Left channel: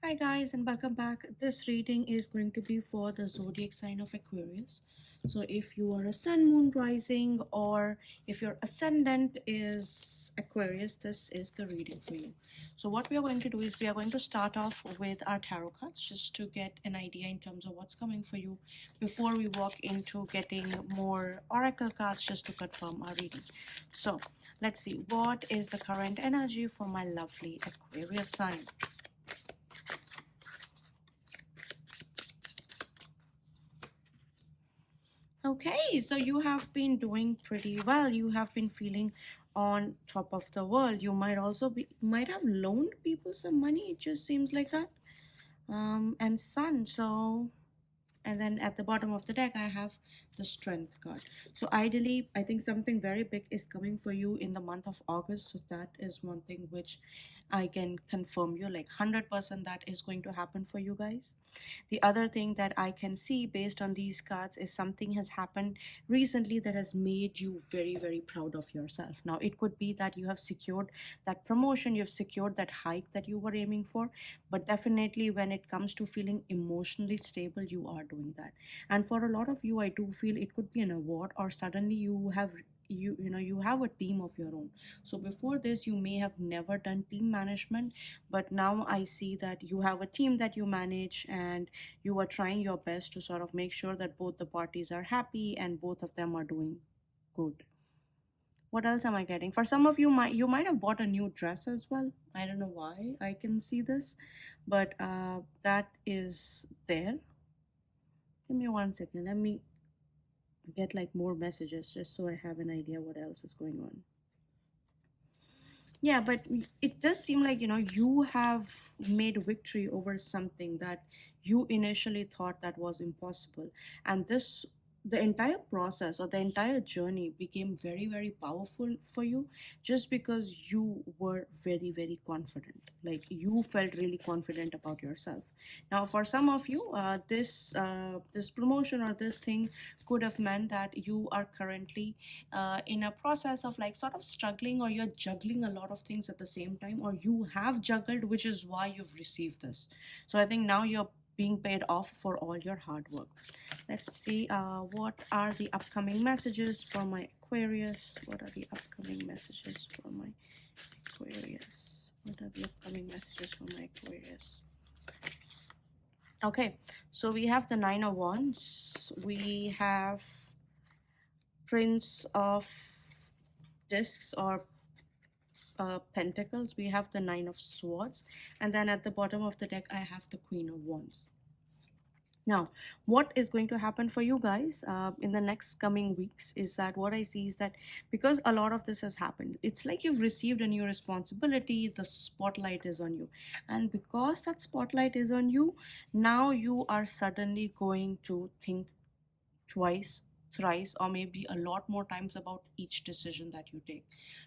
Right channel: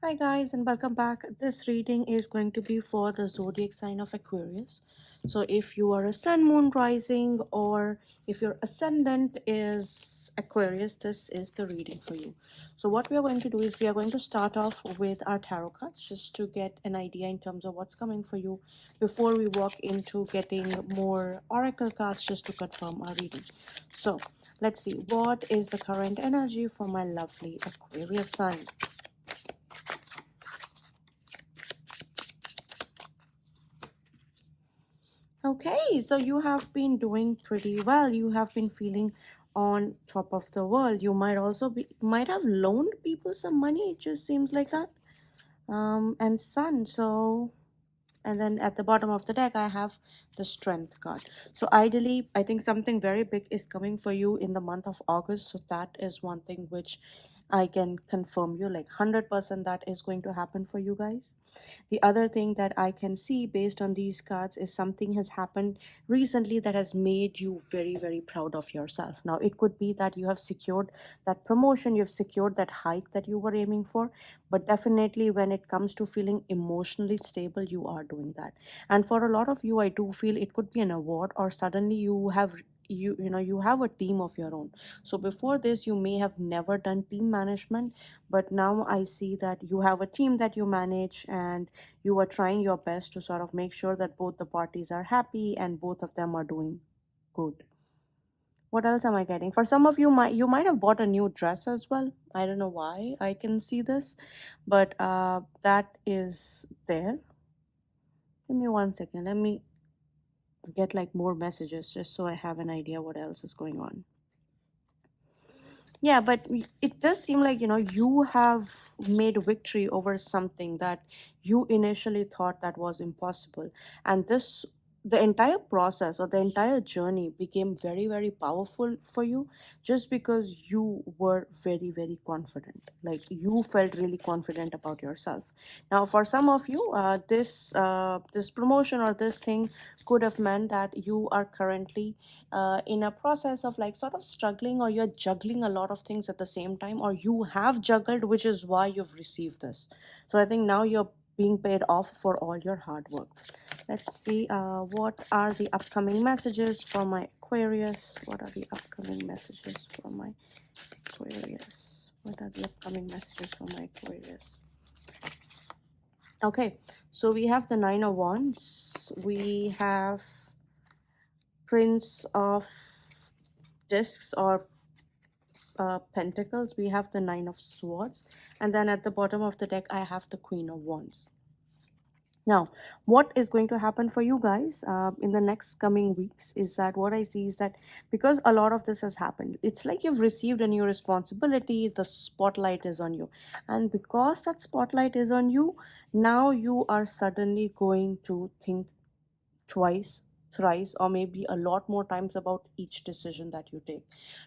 Hi guys, and welcome back. This reading is going to be for the zodiac sign of Aquarius. So if you are a sun, moon, rising, or if your ascendant is Aquarius, this is the reading for you. So what we are going to do is we are going to start off with our tarot cards just to get an idea in terms of what's coming for you before we walk into getting more oracle cards just to confirm our reading. So let's see, what is the current energy for my lovely Aquarius sign? Okay, so you have been doing pretty well. You have been feeling on top of the world. You might also might have loaned people some money. It just seems like that. And sun. So, and then at the bottom of the deck, I have the strength card. So ideally, I think something very big is coming for you in the month of August. So that is one thing which I can confirm you, like 100% that is going to happen for you guys. The other thing that I can see based on these cards is something has happened recently that has made you very, very proud of yourself. Now, it could be that you have secured that promotion, you've secured that hike that you were aiming for, but definitely when it comes to feeling emotionally stable, you are doing that. And for a lot of you, I do feel it could be an award, or suddenly you have a team of your own. So before this you may have never done team management, but now I see that you have a team that you manage and you are trying your best to sort of make sure that both the parties are happy and both of them are doing good. What else am I getting? For some of you, might have bought a new dress as well. I don't know why I can see this, but that is there. Give me 1 second. Let me get like more messages just so I have an idea what else is going on. Yeah, but it does seem like, you have made victory over something that you initially thought that was impossible. And the entire process or the entire journey became very, very powerful for you just because you were very, very confident. Like you felt really confident about yourself. Now, for some of you, this promotion or this thing could have meant that you are currently in a process of like sort of struggling, or you're juggling a lot of things at the same time, or you have juggled, which is why you've received this. So I think now you're being paid off for all your hard work. Let's see, what are the upcoming messages for my Aquarius? What are the upcoming messages for my Aquarius? What are the upcoming messages for my Aquarius? Okay, so we have the Nine of Wands. We have Prince of Discs or Pentacles. We have the Nine of Swords, and then at the bottom of the deck I have the Queen of Wands. Now, what is going to happen for you guys in the next coming weeks is that what I see is that because a lot of this has happened, it's like you've received a new responsibility, the spotlight is on you. And because that spotlight is on you, now you are suddenly going to think twice, thrice, or maybe a lot more times about each decision that you take.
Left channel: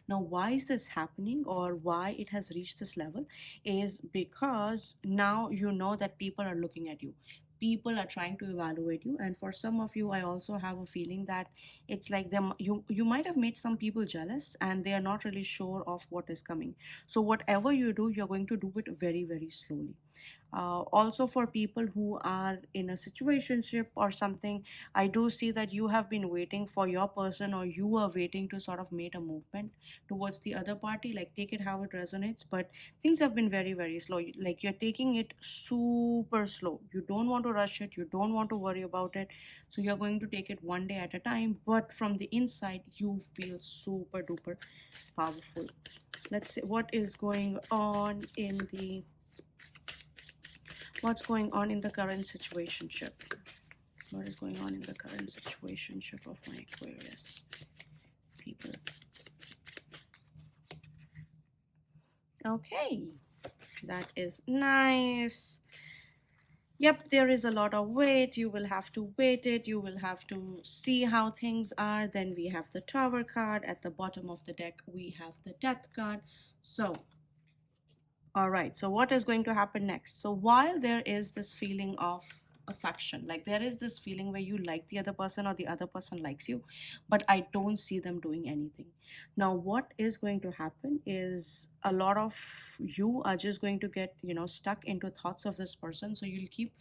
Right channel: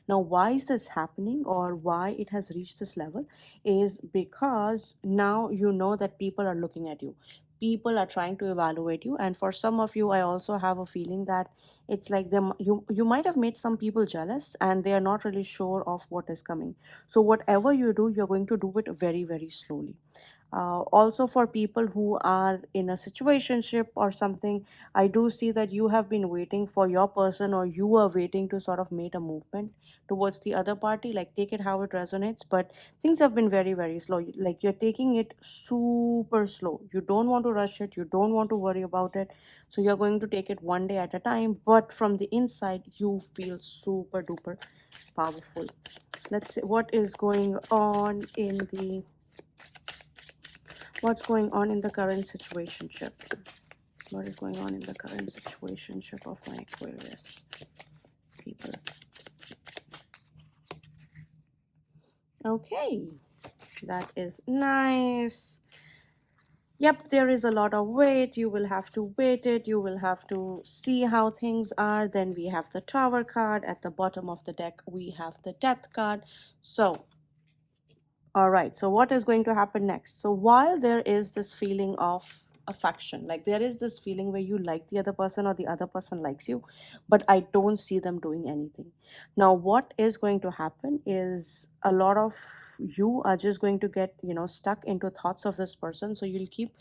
Now, why is this happening, or why it has reached this level, is because now you know that people are looking at you. People are trying to evaluate you, and for some of you, I also have a feeling that it's like them. You might have made some people jealous, and they are not really sure of what is coming. So whatever you do, you're going to do it very, very slowly. Also for people who are in a situationship or something, I do see that you have been waiting for your person, or you are waiting to sort of make a movement towards the other party. Like, take it how it resonates, but things have been very, very slow. Like, you're taking it super slow. You don't want to rush it, you don't want to worry about it, so you're going to take it one day at a time, but from the inside you feel super duper powerful. Let's see what is going on in the what's going on in the current situationship. What is going on in the current situationship of my Aquarius people? Okay, that is nice. Yep, there is a lot of wait. You will have to wait it. You will have to see how things are. Then we have the Tower card. At the bottom of the deck, we have the Death card. So, all right, so what is going to happen next? So while there is this feeling of affection. Like there is this feeling where you like the other person or the other person likes you, but I don't see them doing anything. Now what is going to happen is a lot of you are just going to get, stuck into thoughts of this person. So you'll keep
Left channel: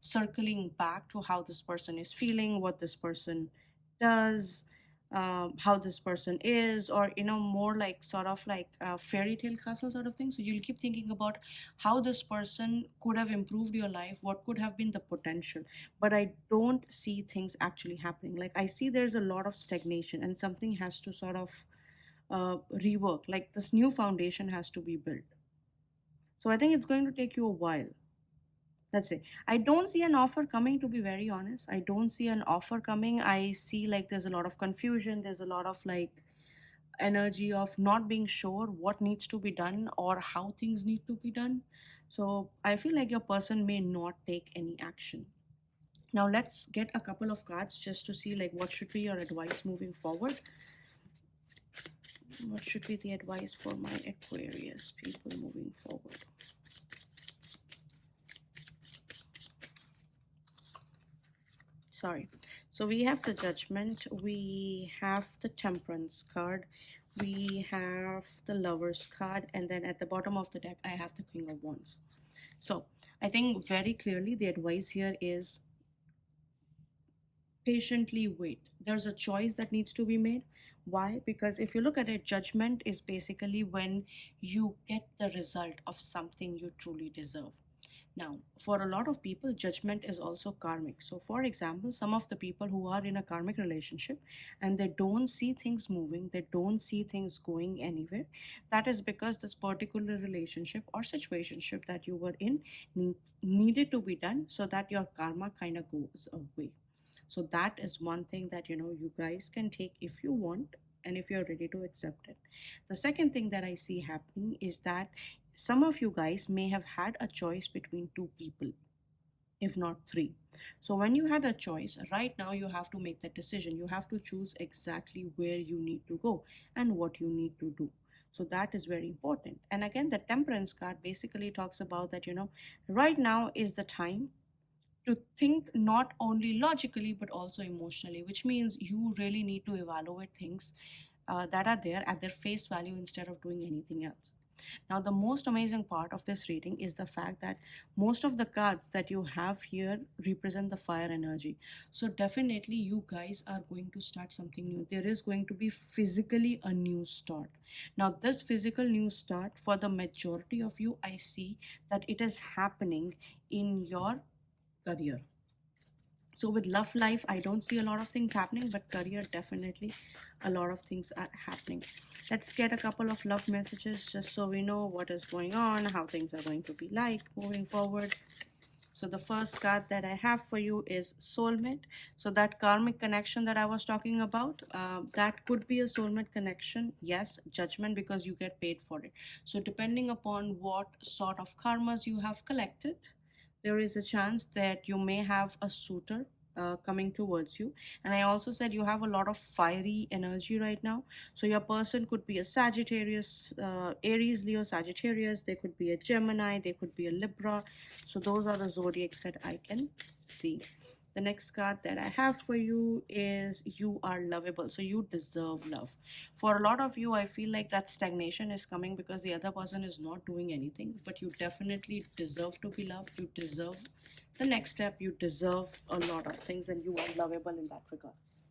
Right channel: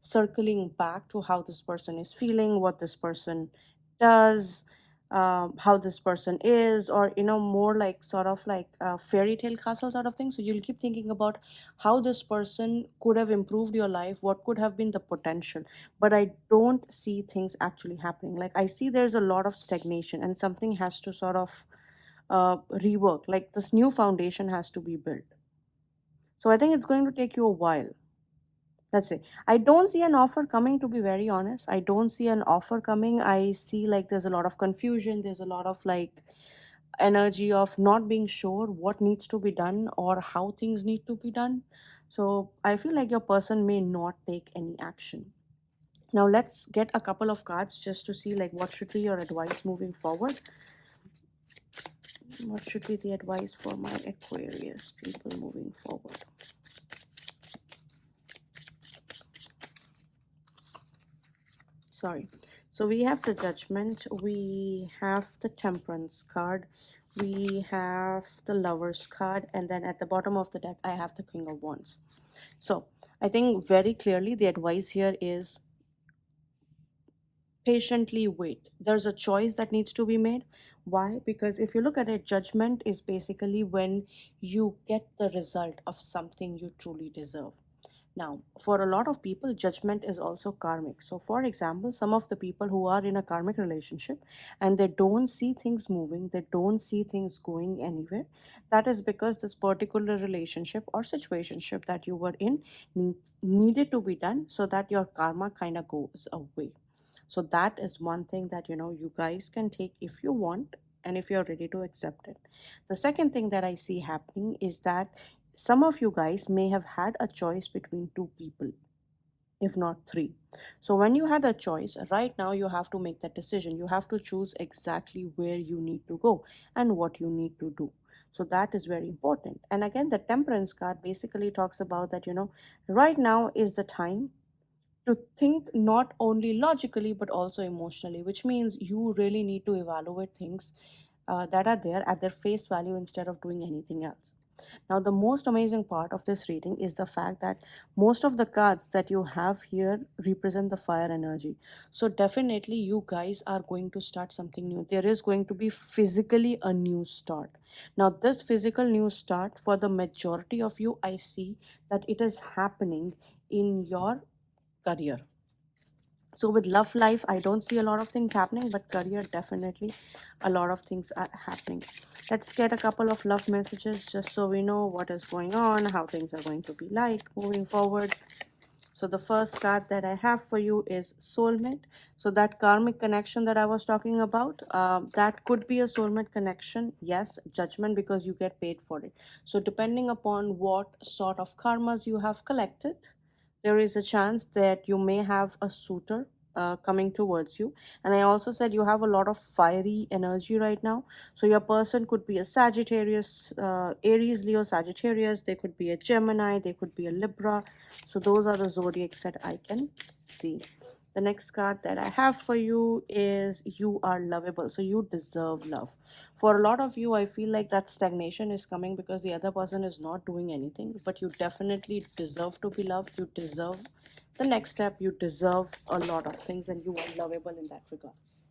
circling back to how this person is feeling, what this person does, how this person is, or more like sort of like fairy tale castle sort of thing. So you'll keep thinking about how this person could have improved your life, what could have been the potential, but I don't see things actually happening. Like I see there's a lot of stagnation and something has to sort of rework. Like this new foundation has to be built. So I think it's going to take you a while. Let's say I don't see an offer coming, to be very honest. I don't see an offer coming. I see like there's a lot of confusion, there's a lot of like energy of not being sure what needs to be done or how things need to be done. So I feel like your person may not take any action. Now let's get a couple of cards just to see like what should be your advice moving forward. What should be the advice for my Aquarius people moving forward? Sorry. So we have the Judgment, we have the Temperance card, we have the Lovers card, and then at the bottom of the deck I have the King of Wands. So I think very clearly the advice here is patiently wait. There's a choice that needs to be made. Why? Because if you look at it, judgment is basically when you get the result of something you truly deserve. Now, for a lot of people, judgment is also karmic. So, for example, some of the people who are in a karmic relationship and they don't see things moving, they don't see things going anywhere, that is because this particular relationship or situationship that you were in needed to be done so that your karma kind of goes away. So, that is one thing that you guys can take if you want and if you're ready to accept it. The second thing that I see happening is that some of you guys may have had a choice between two people, if not three. So, when you had a choice, right now you have to make that decision. You have to choose exactly where you need to go and what you need to do. So, that is very important. And again, the Temperance card basically talks about that, right now is the time to think not only logically but also emotionally, which means you really need to evaluate things that are there at their face value instead of doing anything else. Now, the most amazing part of this reading is the fact that most of the cards that you have here represent the fire energy. So, definitely, you guys are going to start something new. There is going to be physically a new start. Now, this physical new start, for the majority of you, I see that it is happening in your career. So with love life, I don't see a lot of things happening, but career, definitely a lot of things are happening. Let's get a couple of love messages just so we know what is going on, how things are going to be like moving forward. So the first card that I have for you is soulmate. So that karmic connection that I was talking about, that could be a soulmate connection. Yes, judgment, because you get paid for it. So depending upon what sort of karmas you have collected, there is a chance that you may have a suitor coming towards you. And I also said you have a lot of fiery energy right now. So your person could be a Sagittarius, Aries, Leo, Sagittarius. They could be a Gemini. They could be a Libra. So those are the zodiacs that I can see. The next card that I have for you is you are lovable. So you deserve love. For a lot of you, I feel like that stagnation is coming because the other person is not doing anything, but you definitely deserve to be loved. You deserve the next step. You deserve a lot of things and you are lovable in that regards.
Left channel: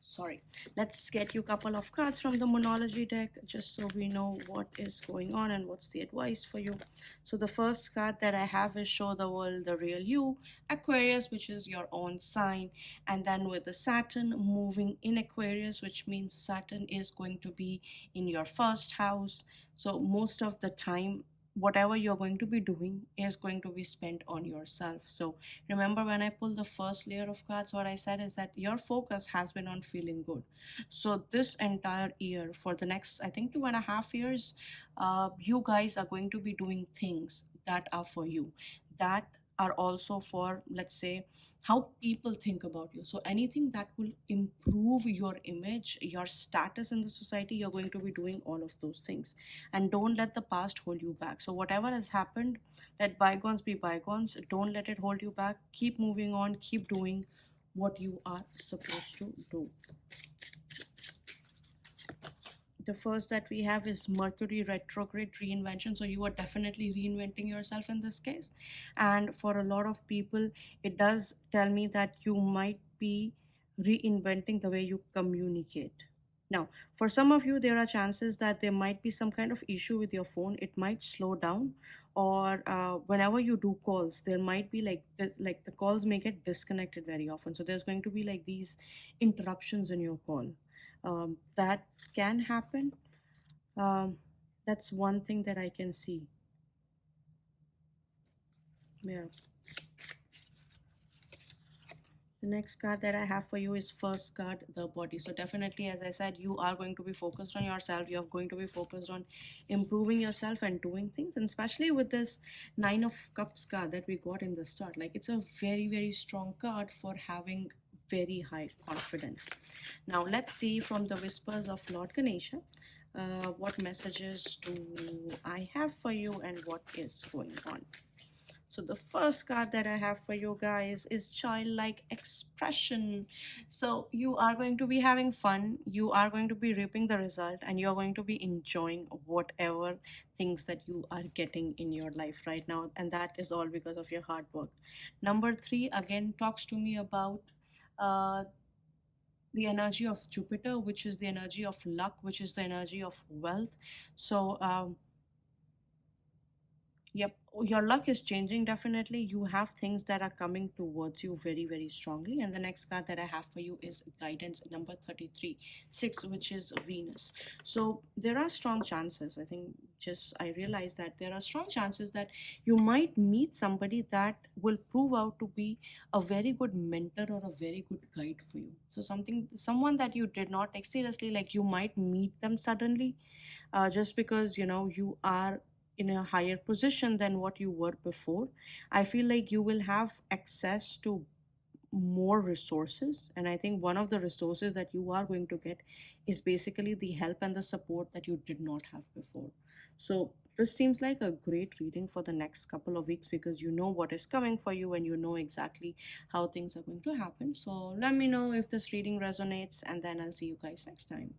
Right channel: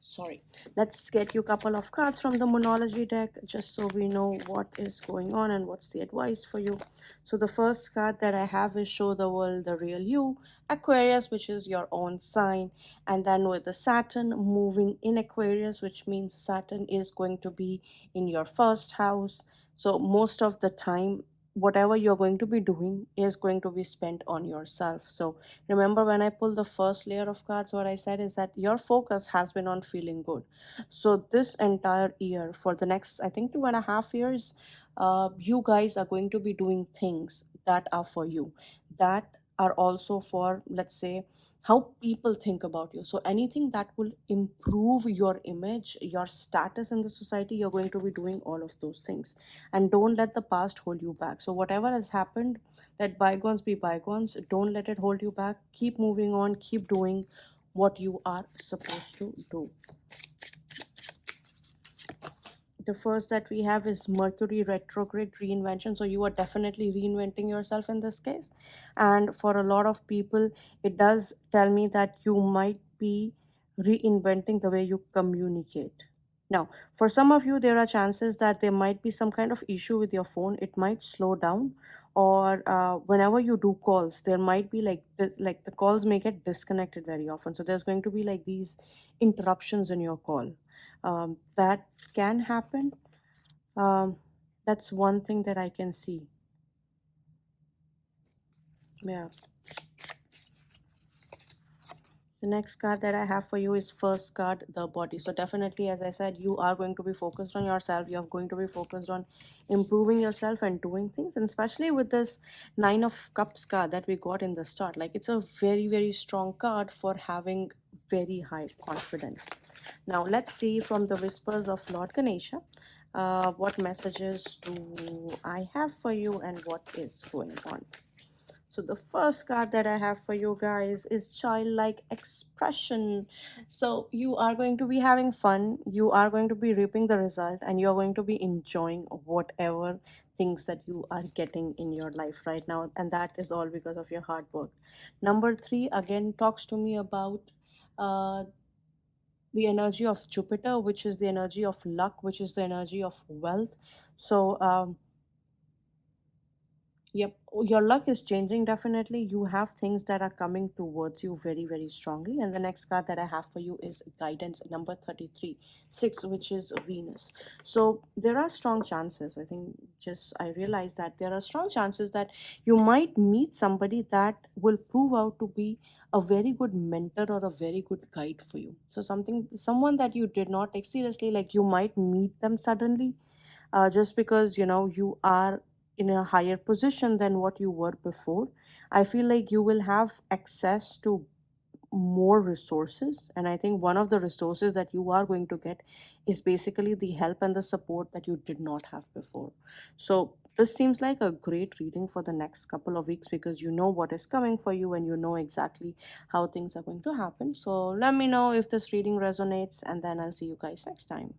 Sorry, let's get you a couple of cards from the monology deck just so we know what is going on and what's the advice for you. So the first card that I have is show the world the real you, Aquarius, which is your own sign. And then with the Saturn moving in Aquarius, which means Saturn is going to be in your first house. So most of the time, whatever you're going to be doing is going to be spent on yourself. So remember, when I pull the first layer of cards, what I said is that your focus has been on feeling good. So this entire year, for the next, I think, 2.5 years, you guys are going to be doing things that are for you, that are also for, let's say, how people think about you. So anything that will improve your image, your status in the society, you're going to be doing all of those things. And don't let the past hold you back. So whatever has happened, let bygones be bygones. Don't let it hold you back. Keep moving on, keep doing what you are supposed to do. The first that we have is Mercury retrograde reinvention. So you are definitely reinventing yourself in this case. And for a lot of people, it does tell me that you might be reinventing the way you communicate. Now, for some of you, there are chances that there might be some kind of issue with your phone. It might slow down, or whenever you do calls, there might be like like the calls may get disconnected very often. So there's going to be like these interruptions in your call. That can happen. um, that's one thing that I can see. Yeah. The next card that I have for you is first card, the body. So definitely, as I said, you are going to be focused on yourself. You're going to be focused on improving yourself and doing things. And especially with this Nine of Cups card that we got in the start, like it's a very, very strong card for having very high confidence. Now let's see from the whispers of Lord Ganesha, what messages do I have for you and what is going on. So the first card that I have for you guys is childlike expression. So you are going to be having fun, you are going to be reaping the result, and you're going to be enjoying whatever things that you are getting in your life right now. And that is all because of your hard work. Number three again talks to me about uh, the energy of Jupiter, which is the energy of luck, which is the energy of wealth. So yep, your luck is changing definitely. You have things that are coming towards you very, very strongly. And the next card that I have for you is guidance number 33, 6, which is Venus. So there are strong chances. I think just I realized that there are strong chances that you might meet somebody that will prove out to be a very good mentor or a very good guide for you. So someone that you did not take seriously, like you might meet them suddenly, just because you are in a higher position than what you were before. I feel like you will have access to more resources, and I think one of the resources that you are going to get is basically the help and the support that you did not have before. So this seems like a great reading for the next couple of weeks because you know what is coming for you and you know exactly how things are going to happen. So let me know if this reading resonates, and then I'll see you guys next time.